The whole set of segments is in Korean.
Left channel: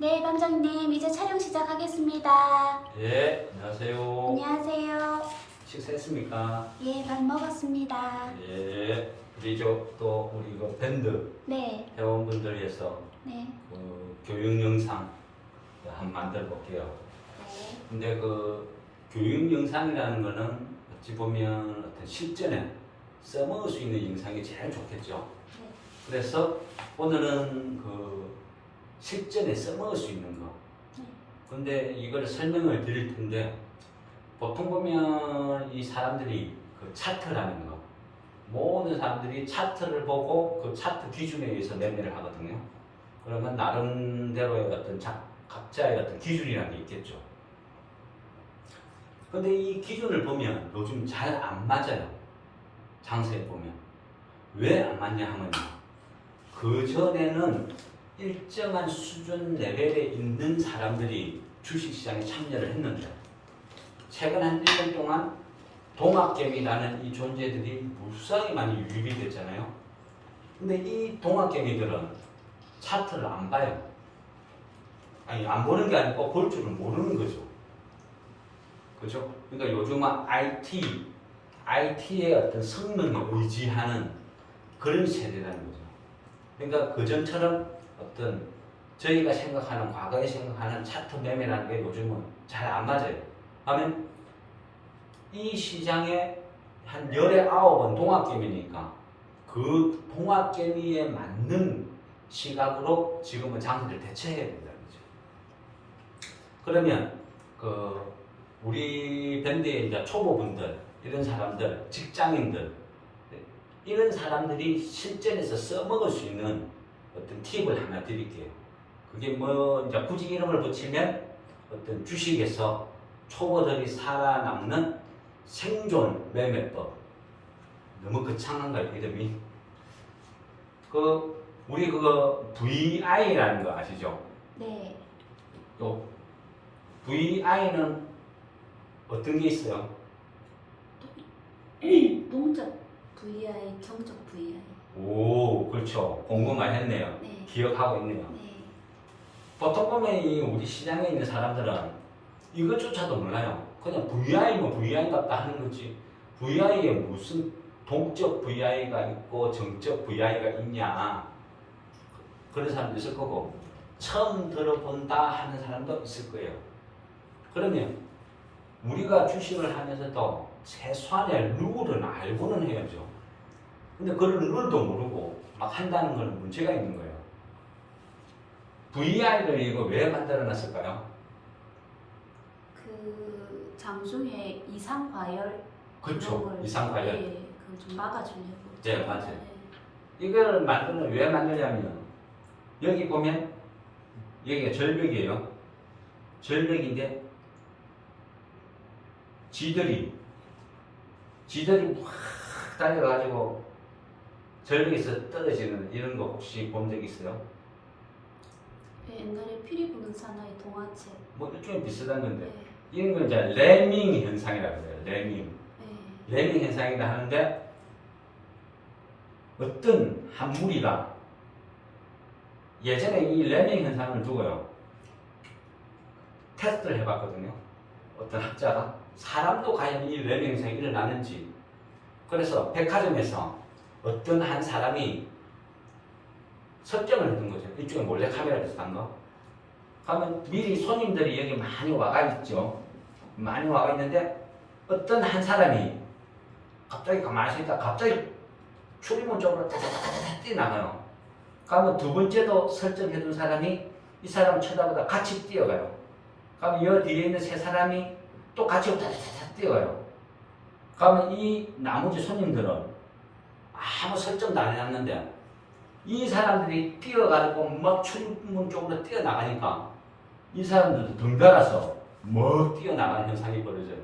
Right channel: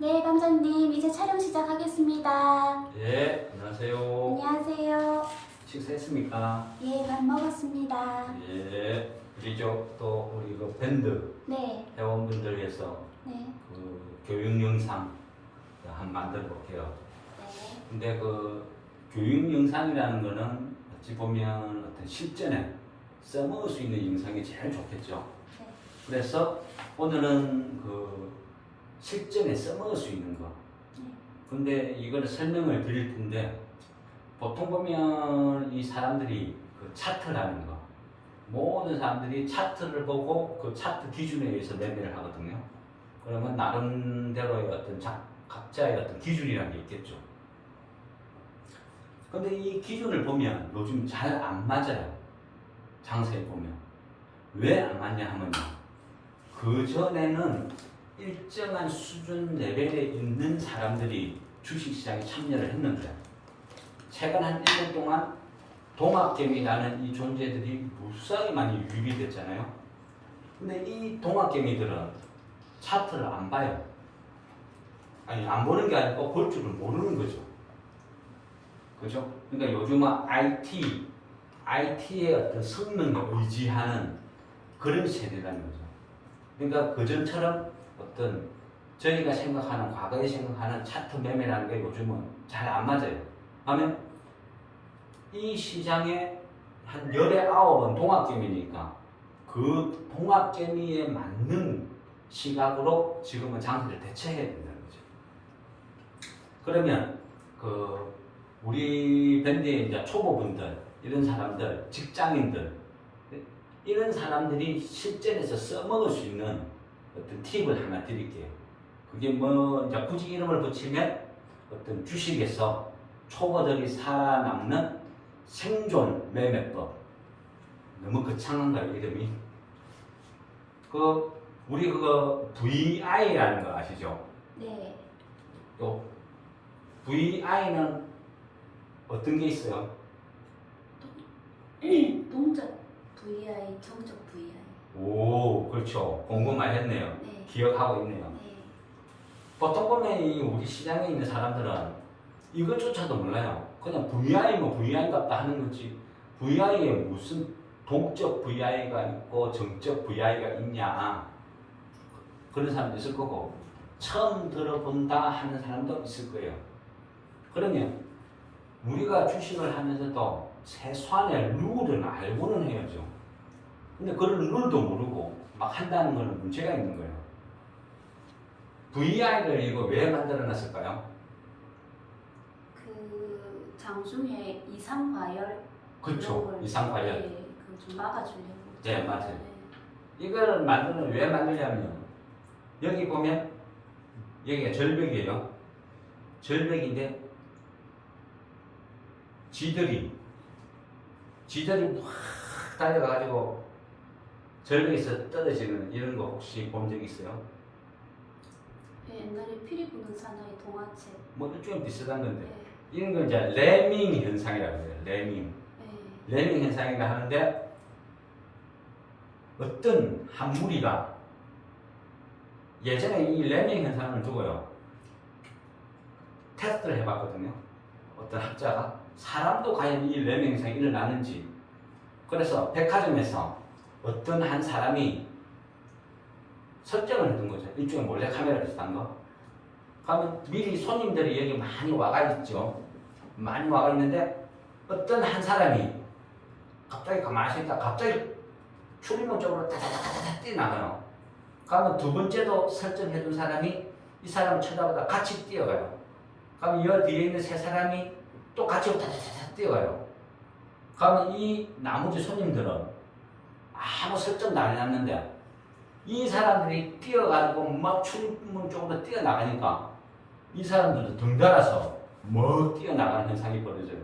네, 반장님, 이제 촬영 시작하겠습니다. 예, 안녕하세요. 안녕하세요. 식사했습니까? 예, 밥 먹었습니다. 예, 우리 그 밴드 네, 회원분들 위해서 네, 그 교육 영상 한번 만들어 볼게요. 네, 근데 그 교육 영상이라는 거는 어찌 보면 어떤 실전에 써먹을 수 있는 영상이 제일 좋겠죠. 네. 그래서 오늘은 그 실전에 써먹을 수 있는 거. 네. 근데 이걸 설명을 드릴 텐데 보통 보면 이 사람들이 그 차트라는 거, 모든 사람들이 차트를 보고 그 차트 기준에 의해서 매매를 하거든요. 그러면 나름대로의 어떤 각자의 어떤 기준이라는 게 있겠죠. 근데 이 기준을 보면 요즘 잘 안 맞아요. 장세에 보면. 왜 안 맞냐 하면요. 그 전에는 일정한 수준 레벨에 있는 사람들이 주식시장에 참여를 했는데 최근 한 1년 동안 동학개미라는 이 존재들이 무수하게 많이 유입이 됐잖아요. 근데 이 동학개미들은 차트를 안 봐요. 아니, 안 보는 게 아니고 볼 줄은 모르는 거죠. 그죠? 그러니까 요즘은 IT의 어떤 성능에 의지하는 그런 세대라는 거죠. 그러니까 그전처럼 어떤 저희가 생각하는, 과거에 생각하는 차트 매매라는 게 요즘은 잘 안 맞아요. 하면 이 시장에 한 열에 9은 동학개미니까 그 동학개미에 맞는 시각으로 지금은 장세를 대처해야 된다는 거죠. 그러면 그 우리 밴드의 이제 초보분들, 이런 사람들, 직장인들, 이런 사람들이 실전에서 써먹을 수 있는 어떤 팁을 하나 드릴게요. 그게 뭐 이제 굳이 이름을 붙이면 어떤 주식에서 초보들이 살아남는 생존 매매법. 너무 거창한가요, 이름이? 우리 그거 VI라는 거 아시죠? 네. 요 VI는 어떤 게 있어요? 동적 VI, 경적 VI. 오, 그렇죠. 공부 많이 했네요. 네. 기억하고 있네요. 네. 보통 보면 이 우리 시장에 있는 사람들은 이것조차도 몰라요. 그냥 VI면 VI 같다 하는 거지. VI에 무슨 동적 VI가 있고 정적 VI가 있냐. 그런 사람도 있을 거고, 처음 들어본다 하는 사람도 있을 거예요. 그러면 우리가 주식을 하면서도 최소한의 룰은 알고는 해야죠. 근데 그런 룰도 모르고 막 한다는 거는 문제가 있는 거예요. VI를 이거 왜 만들어 놨을까요? 그 장중에 이상 과열. 그렇죠. 이상 과열. 네, 그좀 막아주려고. 네, 맞아요. 이걸 왜 만들냐면 여기 보면 여기가 절벽이에요. 절벽인데 쥐들이 확 달려가지고 절벽에서 떨어지는 이런 거 혹시 본 적 있어요? 옛날에 피리 부는 사나이 동화책. 뭐 일종의 비슷한 건데 네. 이런 건 이제 레밍 현상이라고 해요. 레밍. 네. 레밍 현상이라 하는데 어떤 한 무리가 예전에 이 레밍 현상을 두고요 테스트를 해봤거든요. 어떤 학자가 사람도 과연 이 레밍 현상이 일어나는지. 그래서 백화점에서 어떤 한 사람이 설정을 해둔 거죠. 일종의 몰래카메라 비슷한 거. 그러면 미리 손님들이 여기 많이 와가 있죠. 많이 와가 있는데 어떤 한 사람이 갑자기 가만히 서 있다 갑자기 출입문 쪽으로 다다다다다 뛰어나가요. 그러면 두 번째도 설정해둔 사람이 이 사람을 쳐다보다 같이 뛰어가요. 그러면 이 뒤에 있는 세 사람이 또 같이 다다다다 뛰어가요. 그러면 이 나머지 손님들은 아무 설정도 안 해놨는데 이 사람들이 뛰어가지고 막 출입문 쪽으로 뛰어나가니까 이 사람들도 덩달아서 뭐 뛰어나가는 현상이 벌어져요.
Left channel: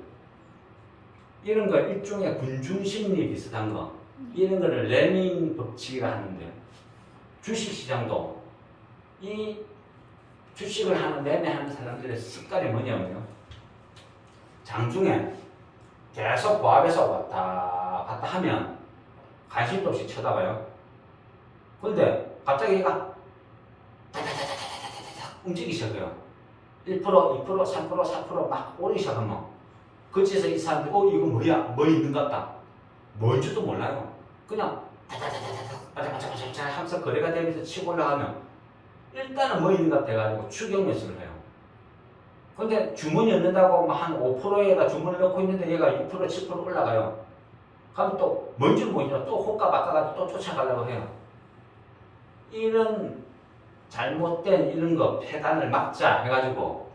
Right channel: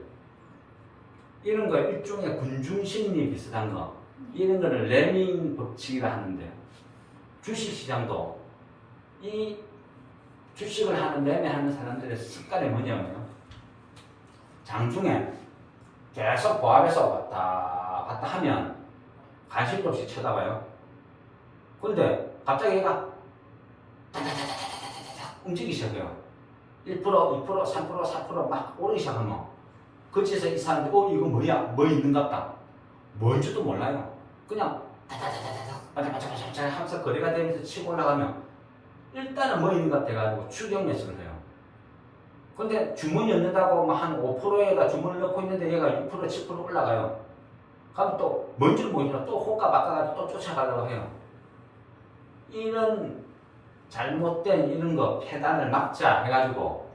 이런 거 일종의 군중심리 비슷한 거, 이런 거를 레밍 법칙이라 하는데 주식시장도 이 주식을 매매하는 사람들의 습관이 뭐냐면요, 장중에 계속 보합해서 왔다 갔다 하면 관심도 없이 쳐다봐요. 근데 갑자기 얘가 다다다다다다다다 움직이기 시작해요. 1%, 2%, 3%, 4%막 오르기 시작하면 그치에서 이 사람들이 이거 뭐야? 뭐 있는갑다. 뭔지도 몰라요. 그냥 다다다다다다 반짝반짝반짝 하면서 거래가 되면서 치고 올라가면 일단은 뭐 있는 것 같아가지고 추격 매수를 해요. 근데 주문이 없는다고 한 5%에다 주문을 넣고 있는데 얘가 6%, 7% 올라가요. 그럼 또 뭔지 모르지만 또 호가 바꿔가지고 또 쫓아가려고 해요. 이런 잘못된 이런 거 패단을 막자 해가지고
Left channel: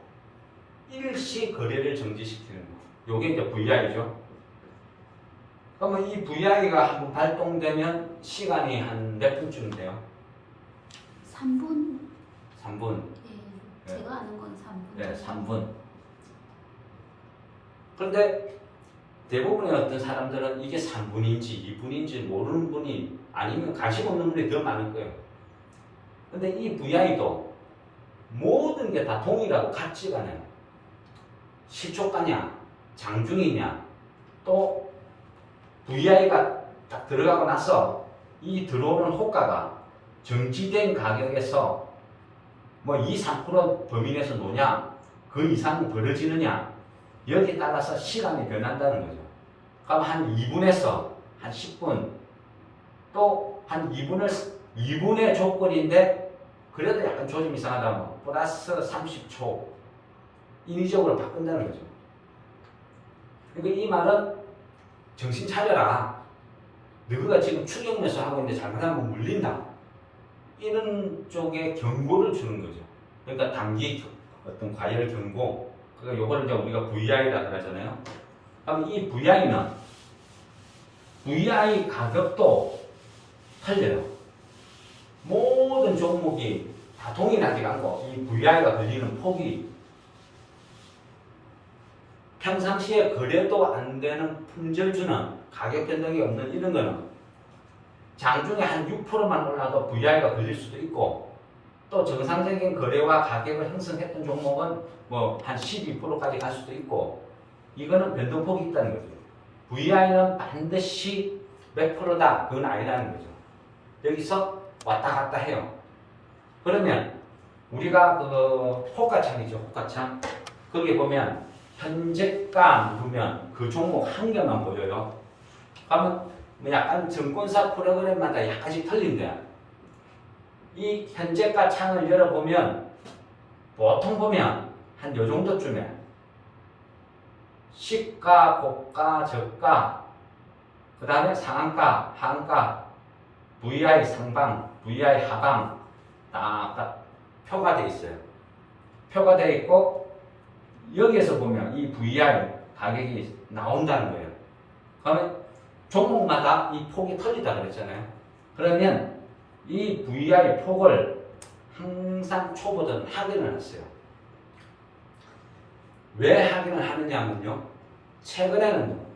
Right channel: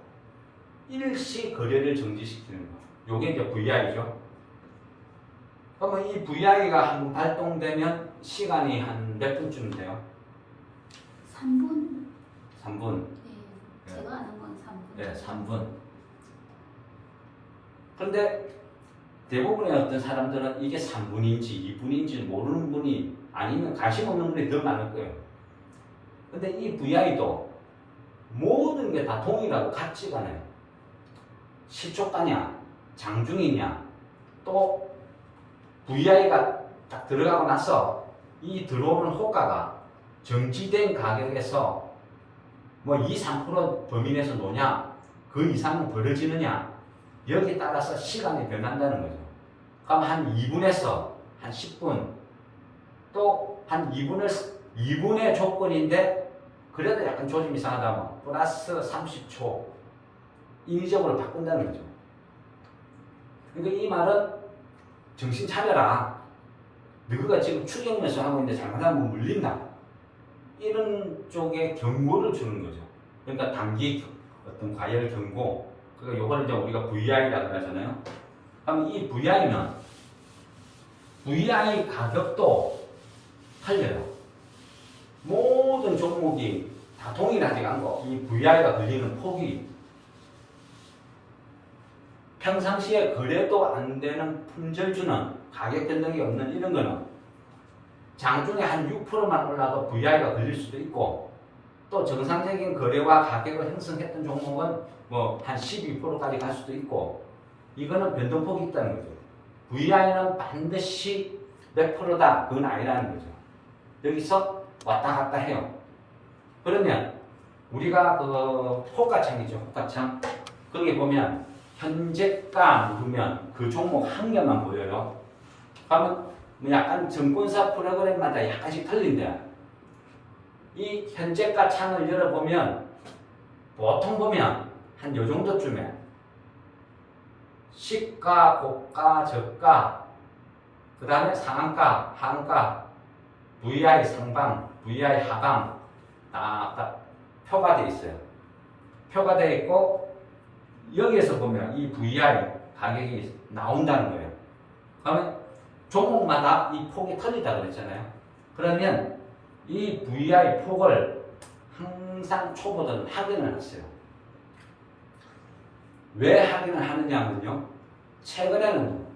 일시 거래를 정지시키는 거. 요게 이제 VI죠. 그러면 이 VI가 한번 발동되면 시간이 한 몇 분쯤 돼요? 3분. 3분. 네, 제가 아는 건 3분. 네, 3분. 그런데 대부분의 어떤 사람들은 이게 3분인지 2분인지 모르는 분이 아니면 관심 없는 분이 더 많을 거예요. 근데 이 VI도 모든 게 다 동일하고 같지가 않아요. 시초가냐, 장중이냐, 또 VI가 딱 들어가고 나서 이 들어오는 호가가 정지된 가격에서 뭐 2, 3% 범위 내에서 노냐, 그 이상은 벌어지느냐, 여기에 따라서 시간이 변한다는 거죠. 그럼 한 2분에서 한 10분, 또 한 2분의 조건인데, 그래도 약간 조짐 이상하다면 플러스 30초 인위적으로 바꾼다는 거죠. 그러니까 이 말은 정신 차려라. 너가 지금 추격 매수 하고 있는데 잘못하면 물린다. 이런 쪽에 경고를 주는 거죠. 그러니까 단기 어떤 과열 경고. 그러니까 요걸 이제 우리가 VI라고 하잖아요. 그럼 이 VI는 VI 가격도 틀려요. 모든 종목이 다 동일하지가 않고 이 VI가 걸리는 폭이 평상시에 거래도 안 되는 품절주는 가격 변동이 없는 이런 거는 장중에 한 6%만 올라도 VI가 걸릴 수도 있고 또 정상적인 거래와 가격을 형성했던 종목은 뭐 한 12%까지 갈 수도 있고 이거는 변동폭이 있다는 거죠. VI는 반드시 몇 프로다 그건 아니라는 거죠. 여기서 왔다 갔다 해요. 그러면 우리가 그 호가창이죠. 호가창 거기 보면 현재가 누르면 그 종목 한 개만 보여요. 그러면 뭐 약간 증권사 프로그램마다 약간씩 틀린데 이 현재가 창을 열어보면 보통 보면 한 요 정도쯤에 시가, 고가, 저가 그 다음에 상한가, 하한가 VI 상방, VI 하방 딱 표가 돼 있어요. 표가 돼 있고 여기에서 보면 이 VI 가격이 나온다는 거예요. 그러면 종목마다 이 폭이 틀리다 그랬잖아요. 그러면 이 VI 폭을 항상 초보들은 확인을 했어요. 왜 확인을 하느냐면요. 최근에는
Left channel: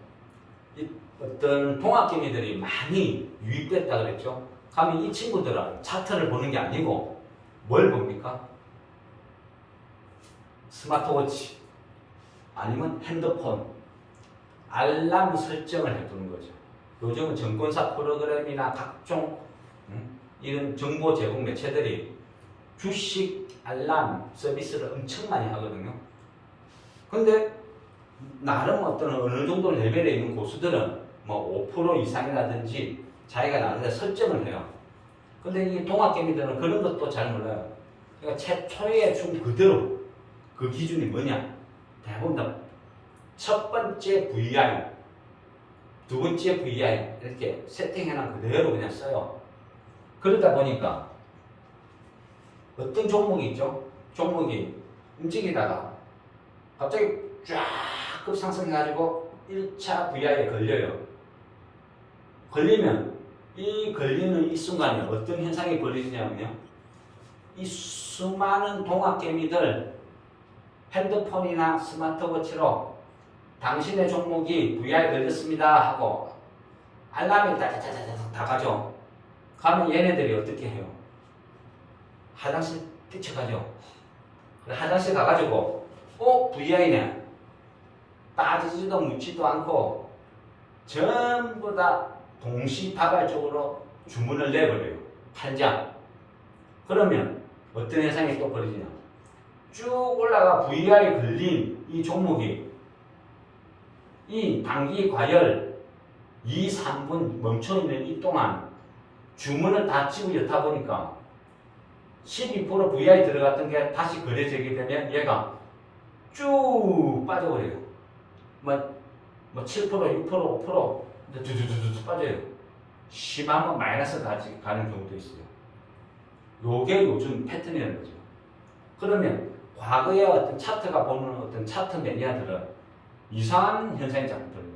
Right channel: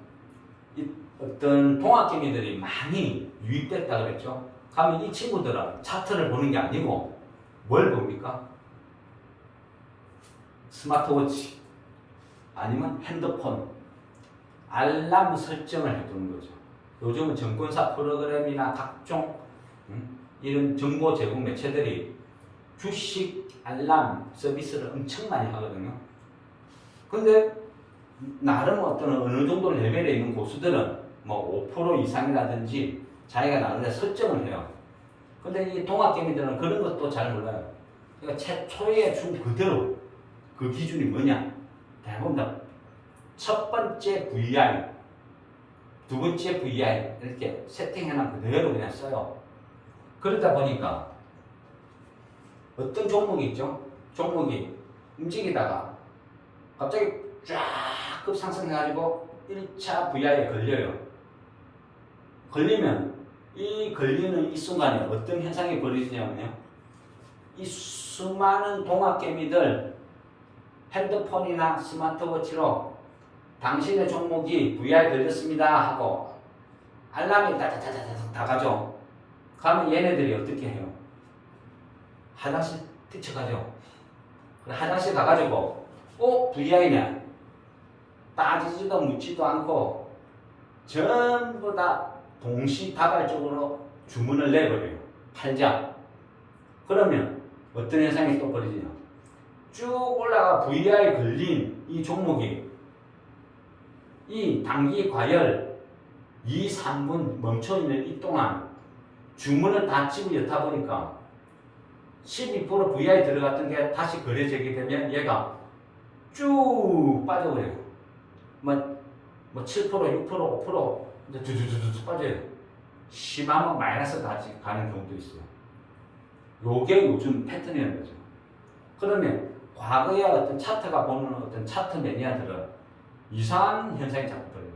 이 어떤 동학개미들이 많이 유입됐다 그랬죠. 그러면 이 친구들은 차트를 보는 게 아니고 뭘 봅니까? 스마트워치 아니면 핸드폰 알람 설정을 해두는 거죠. 요즘은 증권사 프로그램이나 각종 이런 정보 제공 매체들이 주식 알람 서비스를 엄청 많이 하거든요. 근데 나름 어떤 어느 정도 레벨에 있는 고수들은 뭐 5% 이상이라든지 자기가 나름대로 설정을 해요. 근데 이 동학개미들은 그런 것도 잘 몰라요. 그러니까 최초에 준 그대로 그 기준이 뭐냐? 대부분 다 첫 번째 VI, 두 번째 VI 이렇게 세팅해놓은 그대로 그냥 써요. 그러다 보니까 어떤 종목이 있죠? 종목이 움직이다가 갑자기 쫙 급상승해가지고 1차 VI에 걸려요. 걸리면 이 걸리는 이 순간에 어떤 현상이 벌어지냐면요. 이 수많은 동학개미들 핸드폰이나 스마트워치로 당신의 종목이 VI 걸렸습니다 하고 알람이 다 가죠. 가면 얘네들이 어떻게 해요? 화장실 뛰쳐가죠. 화장실 가가지고 VI네 따지지도 묻지도 않고 전부 다 동시다발적으로 주문을 내버려요. 팔자. 그러면 어떤 현상이 또 벌어지냐? 쭉 올라가 VI 걸린 이 종목이 이 단기 과열 2, 3분 멈춰있는 이 동안 주문을 다 집어넣다 보니까 12% VI 들어갔던 게 다시 거래되게 되면 얘가 쭉 빠져버려요. 뭐 7%, 6%, 5% 두두두두 빠져요. 심하면 마이너스까지 가는 경우도 있어요. 요게 요즘 패턴이라는 거죠. 그러면 과거의 어떤 차트가 보는 어떤 차트 매니아들은 이상한 현상이 자꾸 들어요.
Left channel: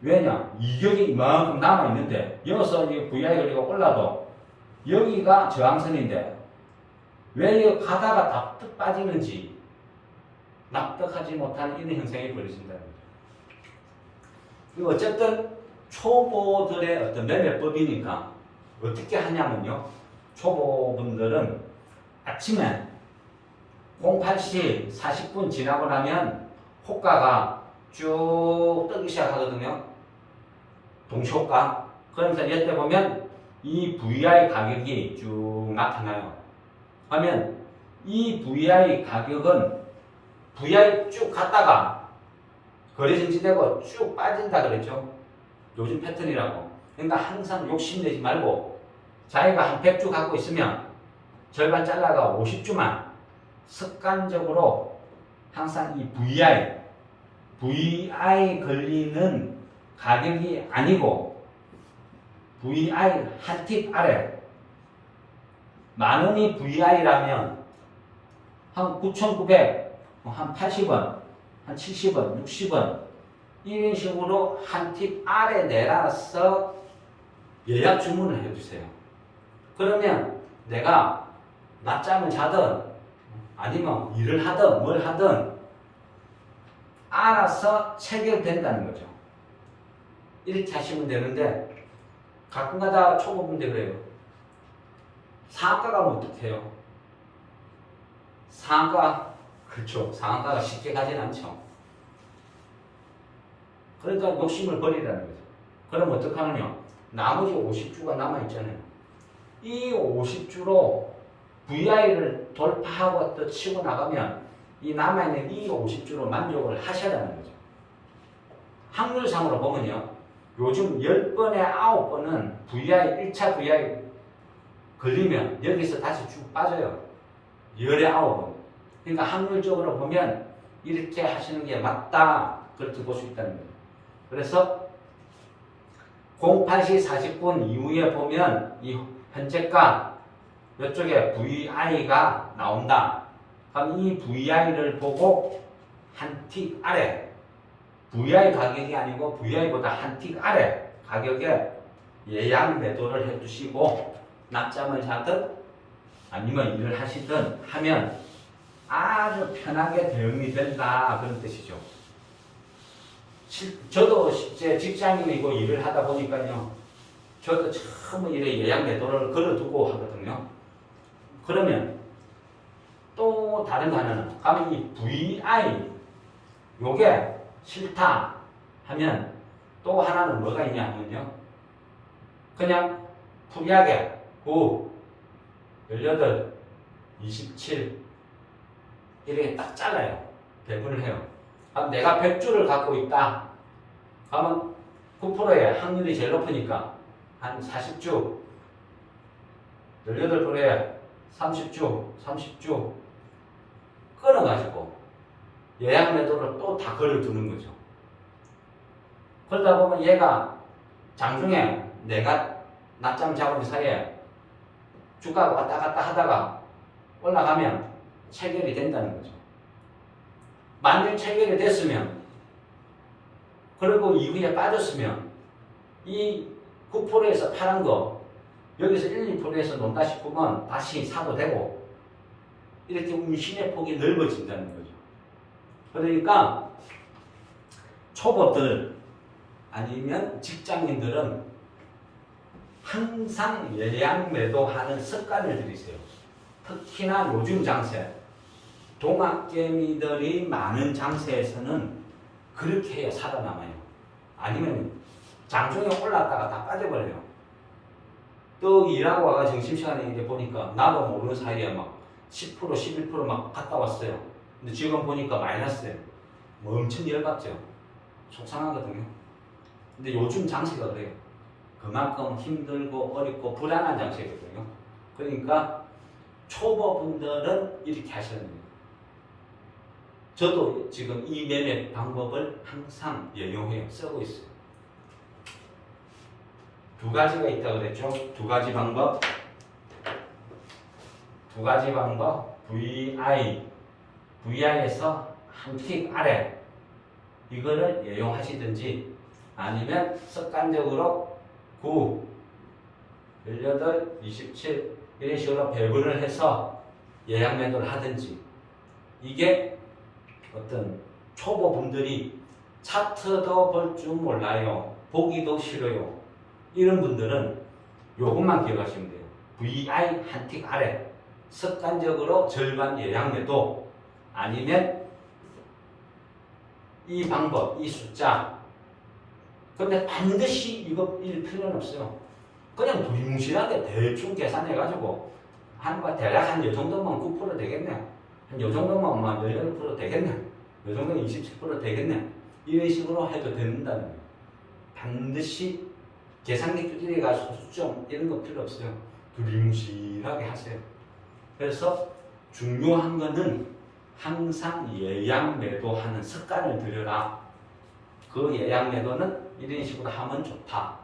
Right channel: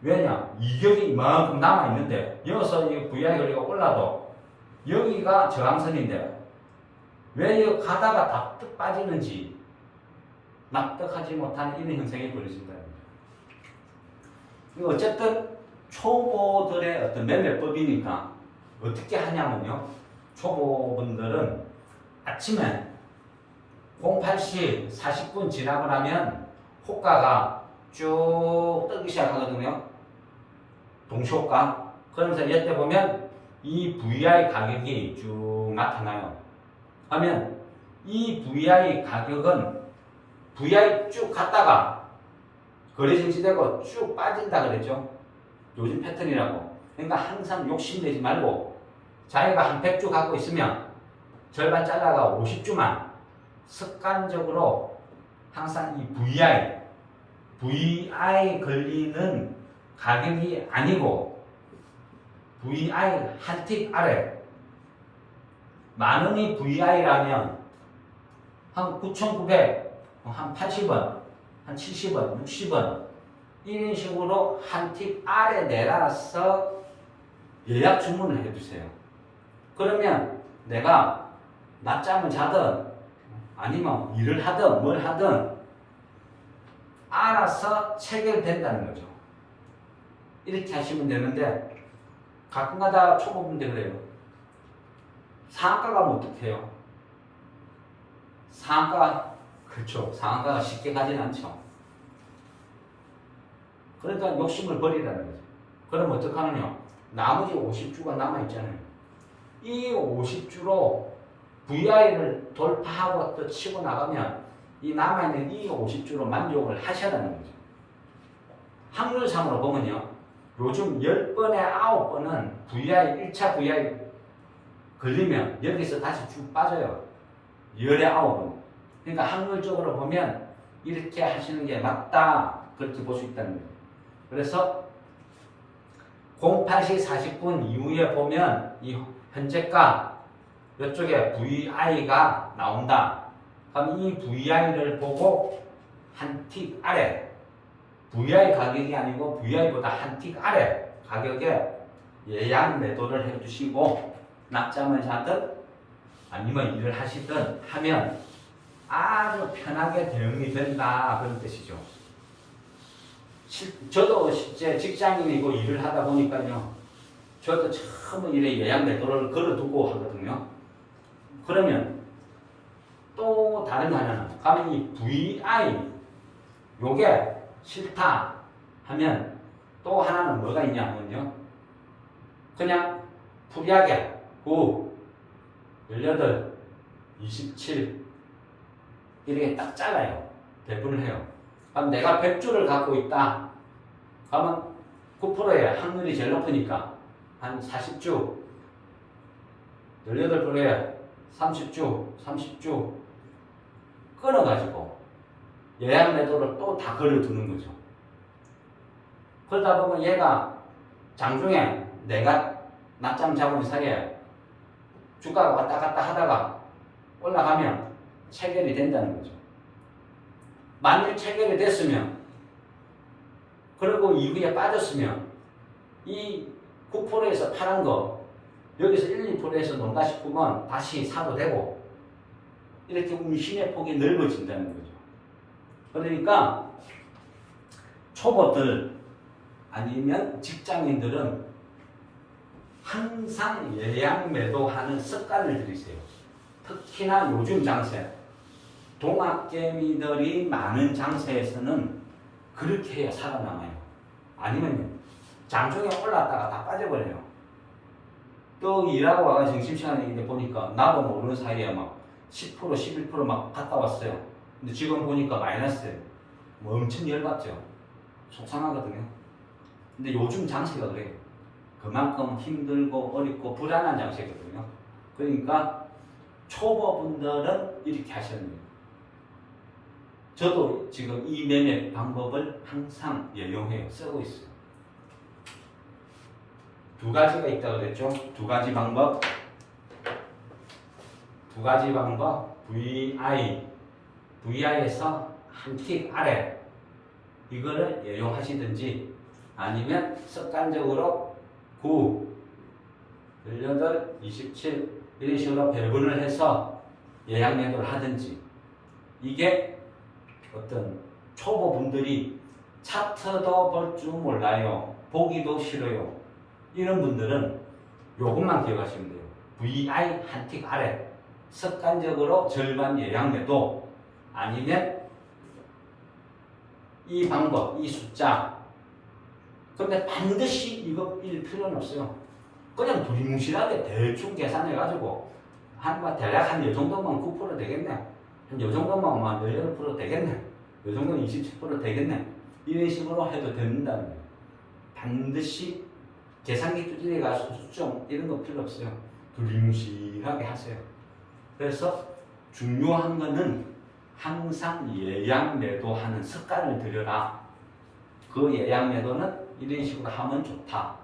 왜냐? 이격이 이만큼 남아있는데 여기서 이 VI 거리가 올라도 여기가 저항선인데 왜 여기 가다가 납득 빠지는지 납득하지 못하는 이런 현상이 벌어진다는 거죠. 어쨌든 초보들의 어떤 매매법이니까 어떻게 하냐면요. 초보분들은 아침에 08시 40분 지나고 나면 호가가 쭉 뜨기 시작하거든요. 동시호가. 그러면서 이때 보면 이 VI 가격이 쭉 나타나요. 하면 이 VI 가격은 VI 쭉 갔다가 거래 정지되고 쭉 빠진다 그랬죠. 요즘 패턴이라고. 그러니까 항상 욕심내지 말고 자기가 한 100주 갖고 있으면 절반 잘라가 50주만 습관적으로 항상 이 VI 걸리는 가격이 아니고 VI 한 틱 아래 만원이 VI라면 한 9,900, 한 80원, 한 70원, 60원 이런 식으로 한 팁 아래 내려서 예약 주문을 해주세요. 그러면 내가 낮잠을 자든 아니면 일을 하든 뭘 하든 알아서 체결된다는 거죠. 이렇게 하시면 되는데 가끔가다 초보분들 그래요. 상한가 가면 어떡해요? 상한가, 그렇죠. 상한가가 쉽게 가진 않죠. 그러니까 욕심을 버리라는 거죠. 그럼 어떡하느냐? 나머지 50주가 남아있잖아요. 이 50주로 VI를 돌파하고 또 치고 나가면 이 남아있는 이 50주로 만족을 하셔야 하는 거죠. 확률상으로 보면요. 요즘 10번에 9번은 VI, 1차 VI 걸리면 여기서 다시 쭉 빠져요. 10에 9번. 그러니까 확률적으로 보면 이렇게 하시는 게 맞다. 그렇게 볼 수 있다는 거예요. 그래서 08시 40분 이후에 보면 이 현재가 이쪽에 VI가 나온다. 그럼 이 VI를 보고 한 틱 아래 VI 가격이 아니고 VI보다 한 틱 아래 가격에 예약 매도를 해주시고 낮잠을 자든 아니면 일을 하시든 하면 아주 편하게 대응이 된다 그런 뜻이죠. 저도 실제 직장인이고 일을 하다 보니까요. 저도 처음에 이래 예약 매도를 걸어두고 하거든요. 그러면 또 다른 하나는 가면 이 VI 요게 싫다 하면 또 하나는 뭐가 있냐 하면요. 그냥 프리하게 9, 18, 27 이렇게 딱 잘라요. 배분을 해요. 그럼 내가 100주를 갖고 있다. 그러면 9%의 확률이 제일 높으니까 한 40주, 18%에 30주 끊어가지고 예약 매도를 또 다 걸어두는 거죠. 그러다 보면 얘가 장중에 내가 낮잠 자고 있는 사이에 주가가 왔다 갔다 하다가 올라가면 체결이 된다는 거죠. 만일 체결이 됐으면 그리고 이후에 빠졌으면 이 9%에서 파란 거 여기서 1, 2%에서 논다 싶으면 다시 사도 되고 이렇게 운신의 폭이 넓어진다는 거죠. 그러니까 초보들 아니면 직장인들은 항상 예약 매도하는 습관을 들이세요. 특히나 요즘 장세 동학개미들이 많은 장세에서는 그렇게 해야 살아남아요. 아니면 장중에 올랐다가 다 빠져버려요. 또 일하고 와가 점심시간에 이제 보니까 나도 모르는 사이에 막 10%, 11%막 갔다 왔어요. 근데 지금 보니까 마이너스예요. 뭐 엄청 열받죠. 속상하거든요. 근데 요즘 장세가 그래요. 그만큼 힘들고 어렵고 불안한 장세거든요. 그러니까 초보분들은 이렇게 하시는 거예요. 저도 지금 이 매매 방법을 항상 예용해요. 쓰고 있어요. 두 가지가 있다고 그랬죠. 두 가지 방법. VI에서 한 틱 아래 이거를 예용하시든지 아니면 습관적으로 9, 18, 27 이런 식으로 배분을 해서 예약 매도를 하든지 이게 어떤 초보분들이 차트도 볼 줄 몰라요. 보기도 싫어요. 이런 분들은 요것만 기억하시면 돼요. VI 한 틱 아래 습관적으로 절반 예약 매도 아니면 이 방법, 이 숫자 근데 반드시 이거 일 필요는 없어요. 그냥 두리뭉실하게 대충 계산해가지고 대략 한 요 정도면 9% 되겠네. 한 요 정도면 18% 되겠네. 요 정도면 27% 되겠네. 이런 식으로 해도 된다는 거예요. 반드시 계산기 두드려 가서 수정 이런 거 필요 없어요. 두리뭉실하게 하세요. 그래서 중요한 거는 항상 예약 매도하는 습관을 들여라. 그 예약 매도는 이런 식으로 하면 좋다.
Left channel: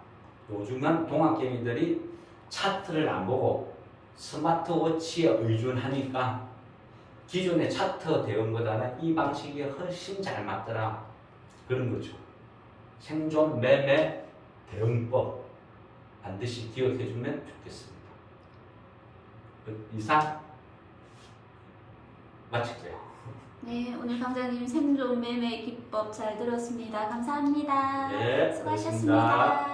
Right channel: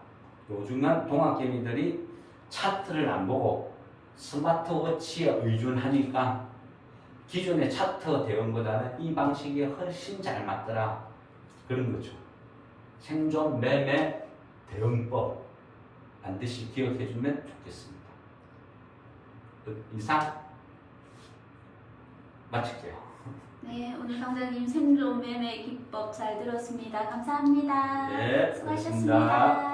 요즘은 동학개미들이 차트를 안 보고 스마트워치에 의존하니까 기존의 차트 대응보다는 이 방식이 훨씬 잘 맞더라. 그런 거죠. 생존 매매 대응법 반드시 기억해 주면 좋겠습니다. 이상 마칠게요. 네, 오늘 강사님 생존 매매 기법 잘 들었습니다. 감사합니다. 네, 수고하셨습니다. 고맙습니다.